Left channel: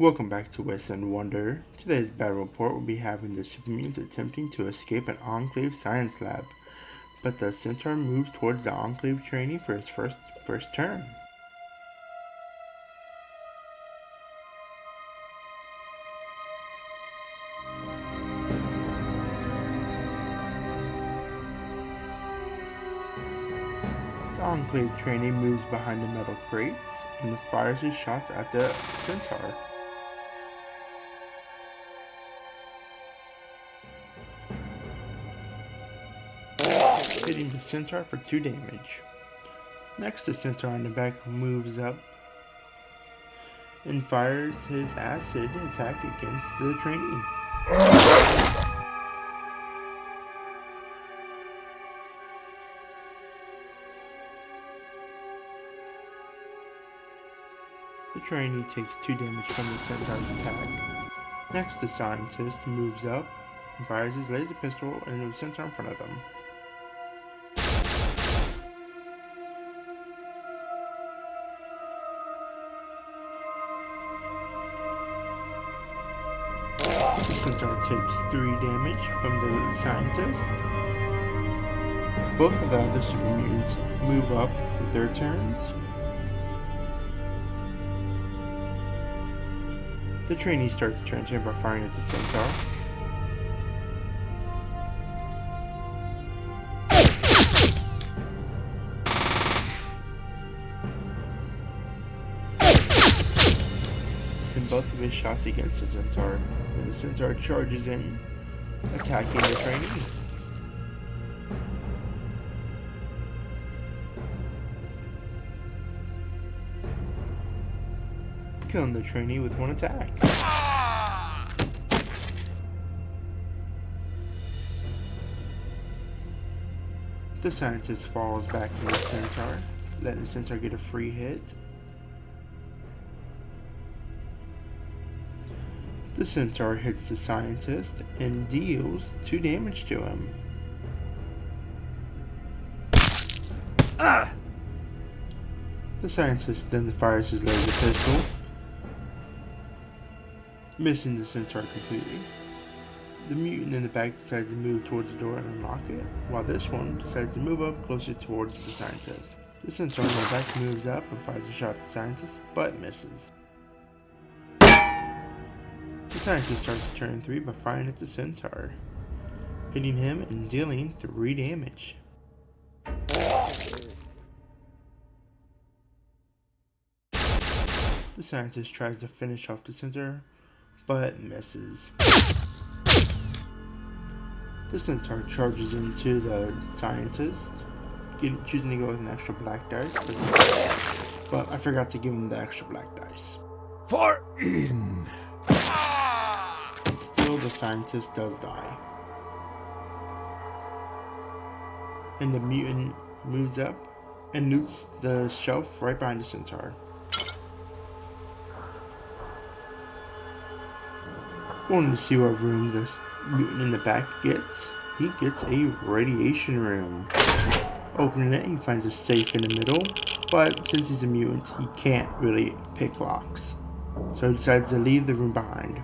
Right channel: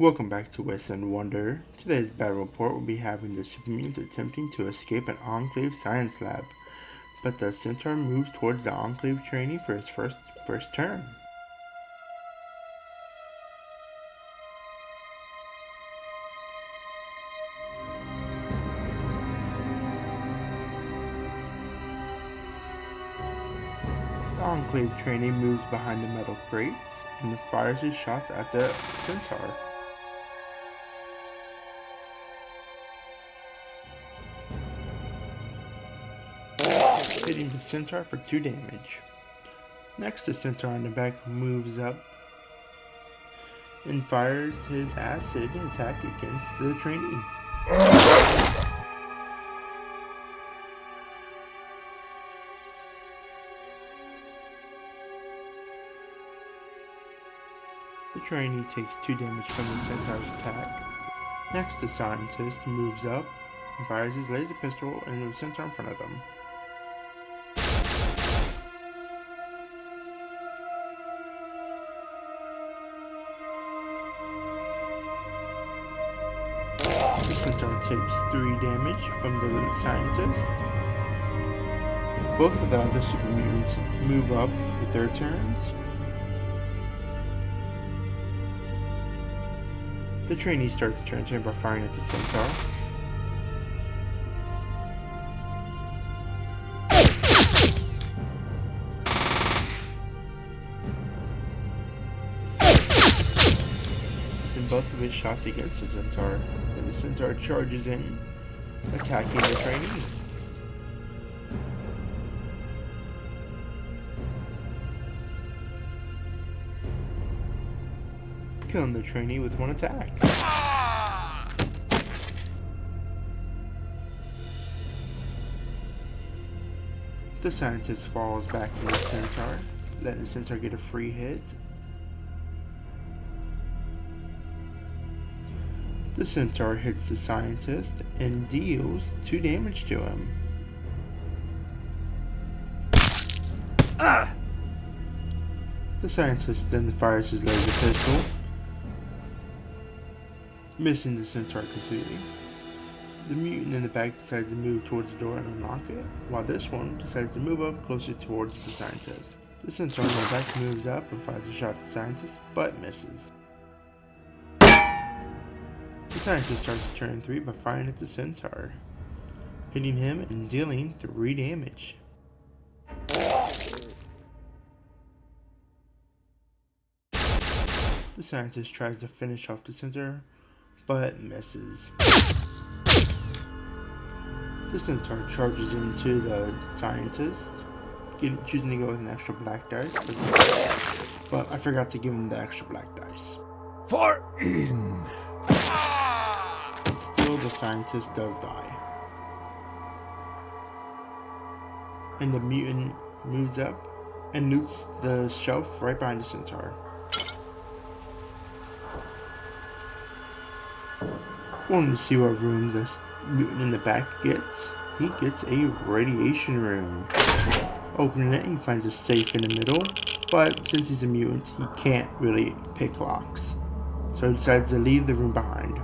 Welcome back to West End Wonder. Today's battle report will be having the super mutants attempting to escape an Enclave science lab, but the Centaur moves towards the Enclave trainee for his first turn. The Enclave trainee moves behind the metal crates and fires his shots at the Centaur. Hitting the Centaur for 2 damage. Next, the Centaur on the back moves up and fires his acid attack against the trainee. The trainee takes 2 damage from the Centaur's attack. Next, the scientist moves up and fires his laser pistol into the Centaur in front of them. The Centaur takes 3 damage from the scientist. Both of the other super mutants move up with their turns. The trainee starts turn turn by firing at the Centaur. Missing both of his shots against the Centaur. Then the Centaur charges in, attacking the trainee. Killing the trainee with 1 attack. The scientist falls back to the Centaur, letting the Centaur get a free hit. The Centaur hits the scientist and deals 2 damage to him. The scientist then fires his laser pistol, missing the Centaur completely. The mutant in the back decides to move towards the door and unlock it, while this one decides to move up closer towards the scientist. The Centaur in the back moves up and fires a shot at the scientist, but misses. The scientist starts turn 3 by firing at the Centaur, hitting him and dealing 3 damage. The scientist tries to finish off the Centaur, but misses. The Centaur charges into the scientist, choosing to go with an extra black dice, but I forgot to give him the extra black dice. For Eden! Still, the scientist does die. And the mutant moves up and loots the shelf right behind the Centaur. Wanting to see what room this mutant in the back gets, he gets a radiation room. Opening it, he finds a safe in the middle, but since he's a mutant, he can't really pick locks. So he decides to leave the room behind.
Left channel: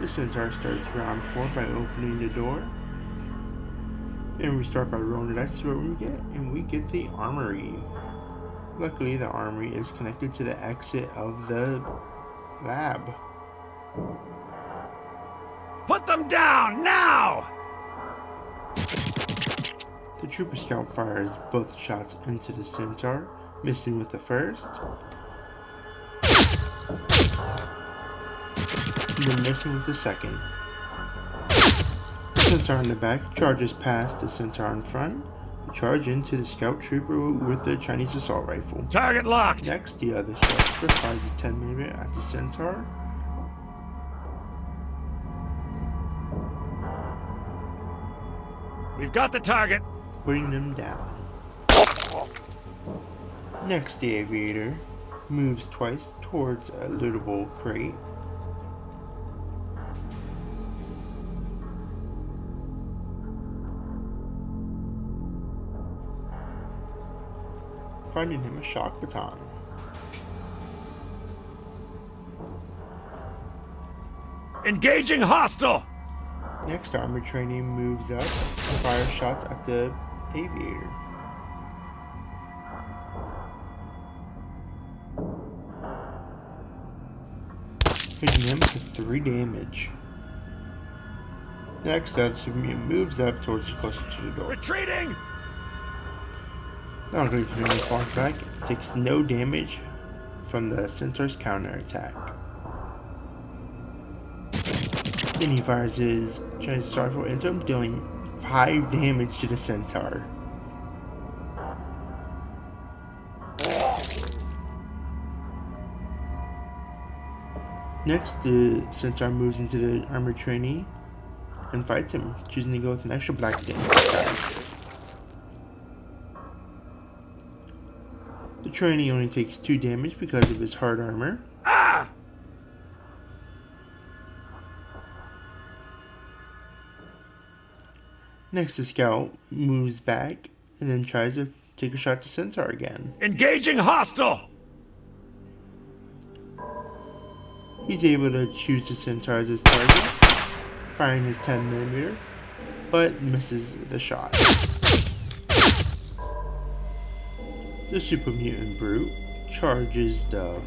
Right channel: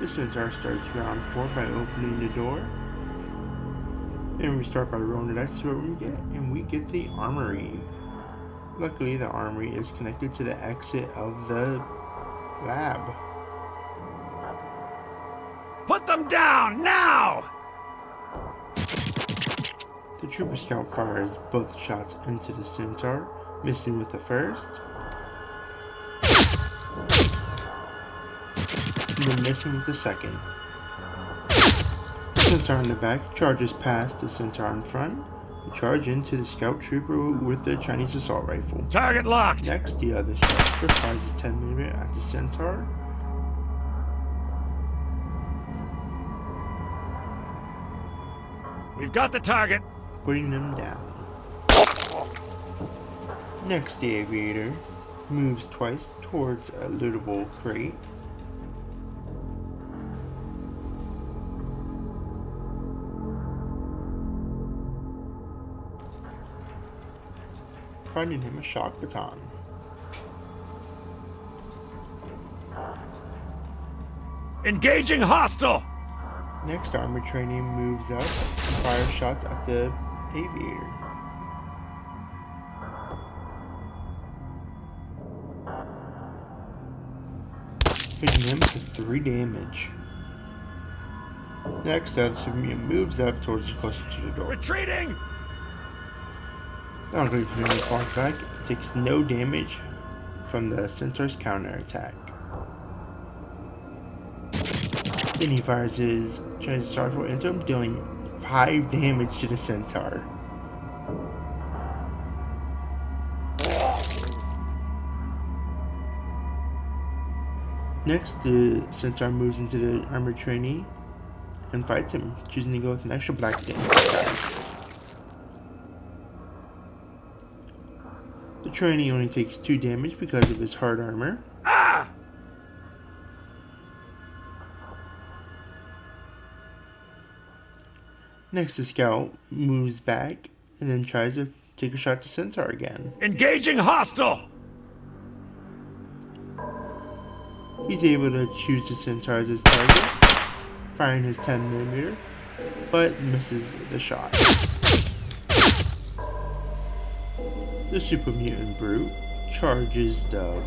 The Centaur starts round 4 by opening the door. And we start by rolling the dice to see what we get, and we get the armory. Luckily, the armory is connected to the exit of the lab. Put them down, now! The Trooper Scout fires both shots into the Centaur, missing with the first, and then missing with the second. The Centaur in the back charges past the Centaur in front, to charge into the Scout Trooper with the Chinese assault rifle. Target locked! Next, the other Scout Trooper fires his 10mm at the Centaur. We've got the target. Putting them down. Next, the Aviator Moves twice towards a lootable crate. Finding him a shock baton. Engaging hostile! Next, armor training moves up and fires shots at the aviator. Hitting him for 3 damage. Next, the Supermutant moves up towards the closer to the door. Retreating! Not only from the falls back, it takes no damage from the Centaur's counterattack. Then he fires his Chinese rifle into him, dealing 5 damage to the Centaur. Next, the Centaur moves into the armored trainee and fights him, choosing to go with an extra black damage dice. The trainee only takes 2 damage because of his hard armor. Next, the scout moves back and then tries to take a shot to Centaur again. Engaging hostile! He's able to choose the Centaur as his target, firing his 10mm, but misses the shot. The Super Mutant Brute charges the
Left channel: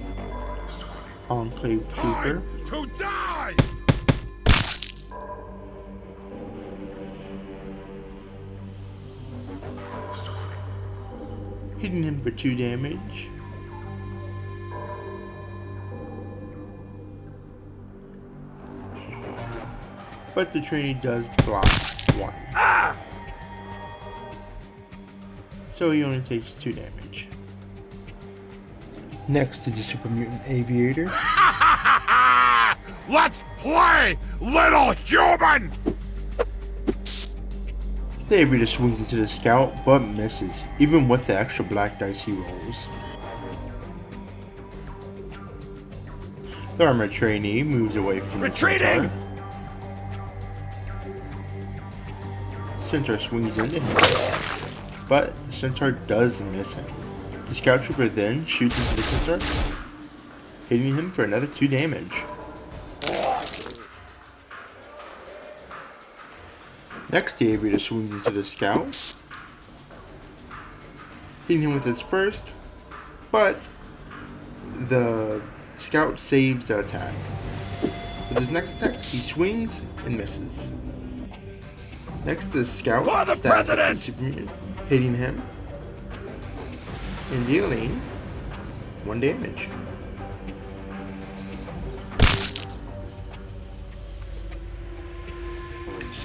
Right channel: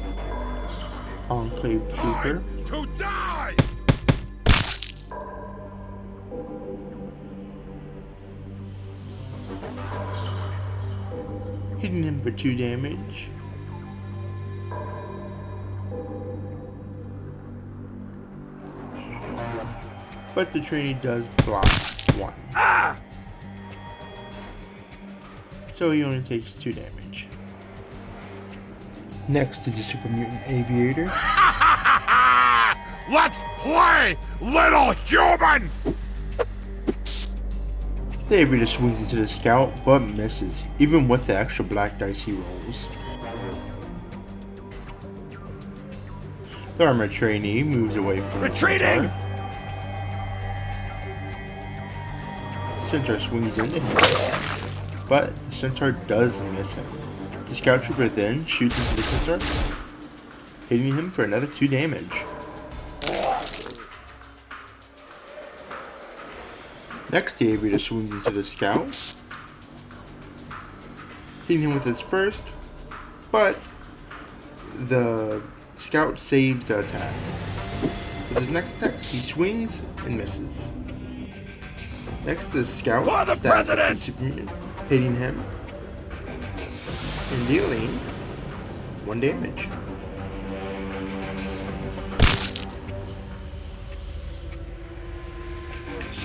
Enclave Trooper. Time to die! Hitting him for 2 damage. But the trainee does block 1. So he only takes 2 damage. Next is the Super Mutant Aviator. Let's play, little human! The Aviator swings into the scout, but misses, even with the extra black dice he rolls. The armored trainee moves away from the Retreating! Centaur. Centaur swings into him, but the Centaur does miss him. The scout trooper then shoots into the Centaur, hitting him for another 2 damage. Next, the Aviator swings into the scout, hitting him with his first, but the scout saves the attack. With his next attack, he swings and misses. Next, the scout For the stabs at the president! Super Mutant, hitting him and dealing 1 damage.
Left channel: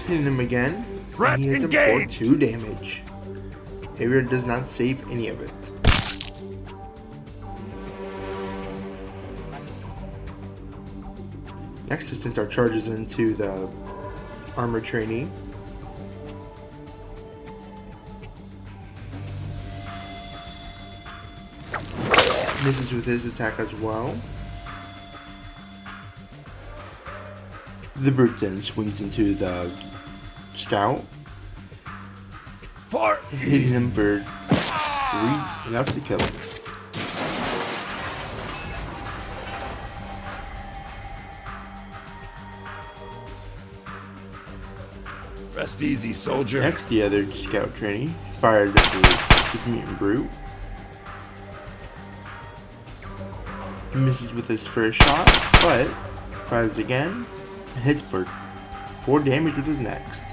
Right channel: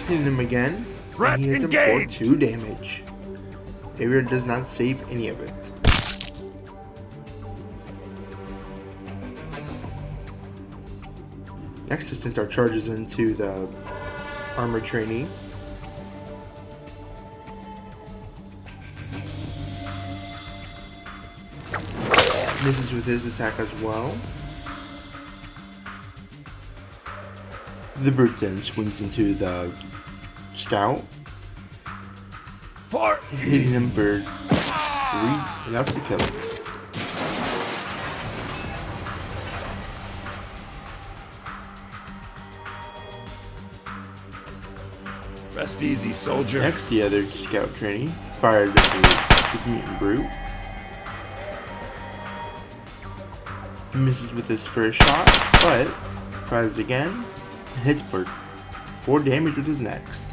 Hitting him again, Threat and he hits engaged! him for 2 damage. Aviator does not save any of it. Next, the Centaur charges into the armored trainee. Misses with his attack as well. The brute then swings into the scout, For hitting him for 3, enough to kill him. rest easy, soldier. Next, the other scout trainee fires at the Super Mutant Brute. Misses with his first shot, but fires again and hits for 4 damage with his next.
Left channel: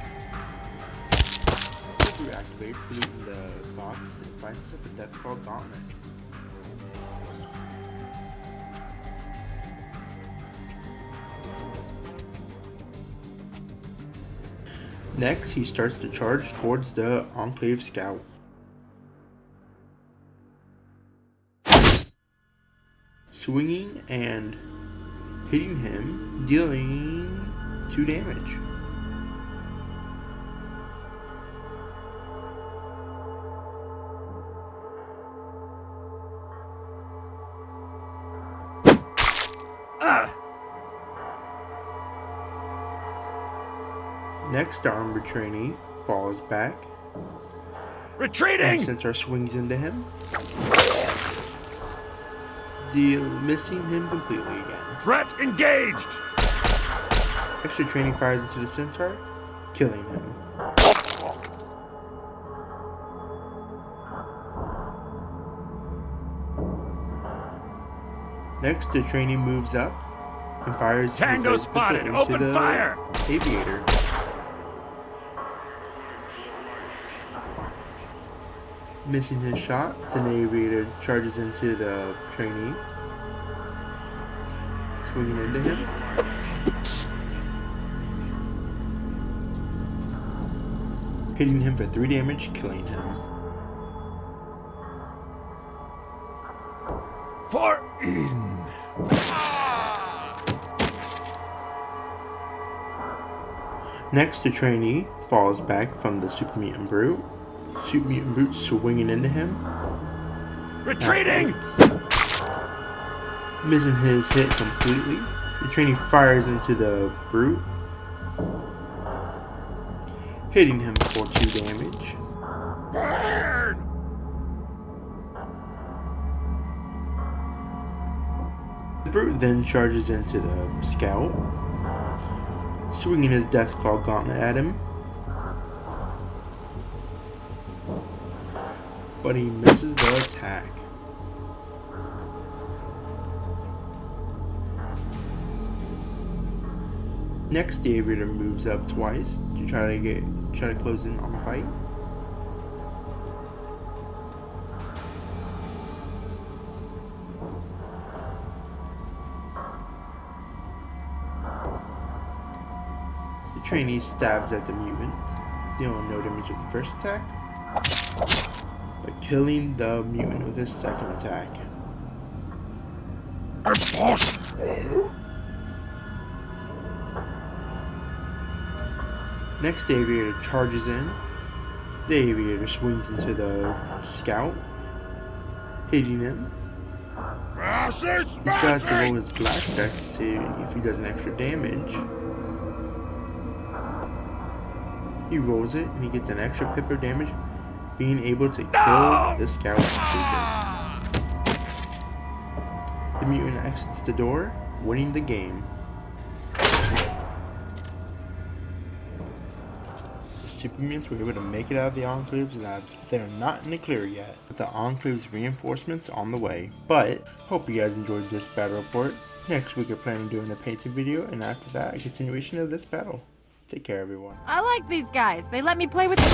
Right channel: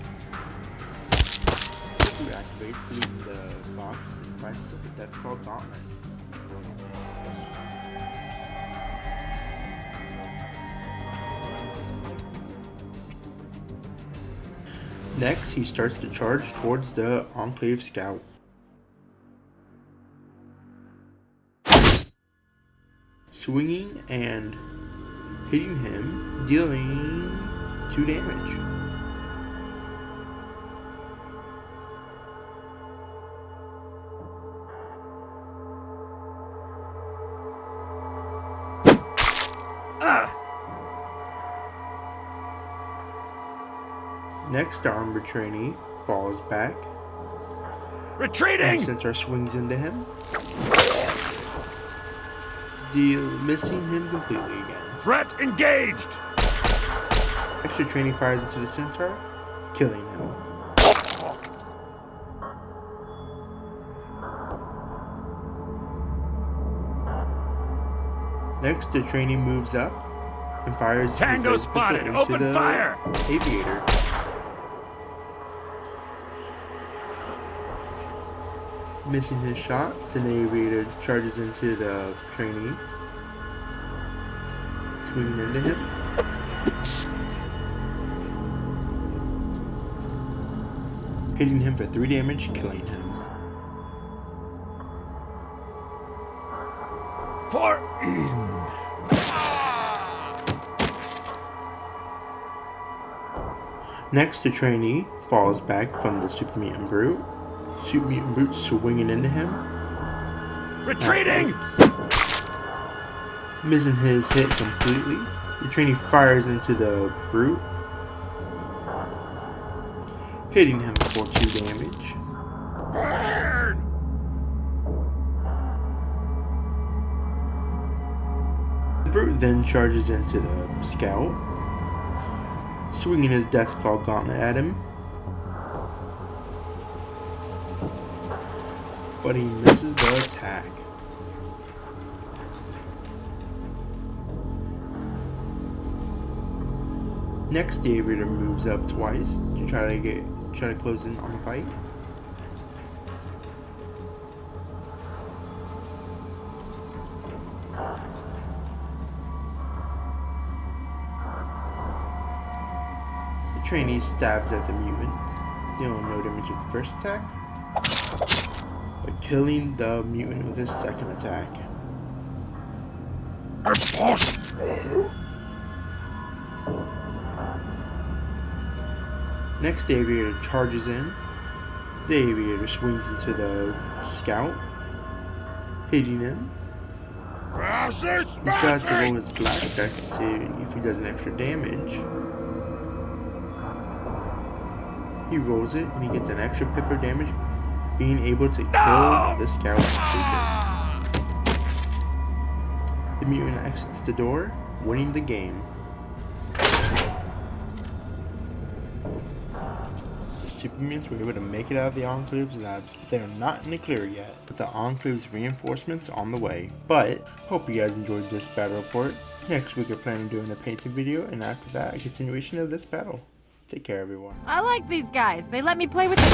The brute activates, looting the box, and finds himself a Death Claw Gauntlet. Next, he starts to charge towards the Enclave Scout. Swinging and hitting him, dealing 2 damage. Next, the armored trainee falls back. Retreating! The centaur swings into him, missing him completely again. Threat engaged! Extra trainee fires into the centaur, killing him. Next, the trainee moves up and fires Tango his spotted! pistol into Open the fire! aviator. Missing his shot, the aviator charges into the trainee, swinging into him. Hitting him for 3 damage, killing him. For Eden! Next, the trainee falls back from the Super Mutant Brute. Super Mutant Brute swinging into him. Retreating! Missing his hit completely. The trainee fires into the Brute, hitting him for 2 damage. Burn! The Brute then charges into the Scout, swinging his Deathclaw gauntlet at him, but he misses the attack. Next, the aviator moves up twice to try to close in on the fight. The trainee stabs at the mutant, dealing no damage with the first attack, but killing the mutant with his second attack. Next, the aviator charges in. The aviator swings into the Scout, hitting him. He tries to roll his blackjack to see if he does an extra damage. He rolls it and he gets an extra pip of damage, being able to kill the Scout trooper. The mutant exits the door, winning the game. The super mutants were able to make it out of the Enclave's labs, but they are not in the clear yet, with the Enclave's reinforcements on the way. But, hope you guys enjoyed this battle report. Next week we're planning on doing a painting video, and after that, a continuation of this battle. Take care, everyone. I like these guys. They let me play with them.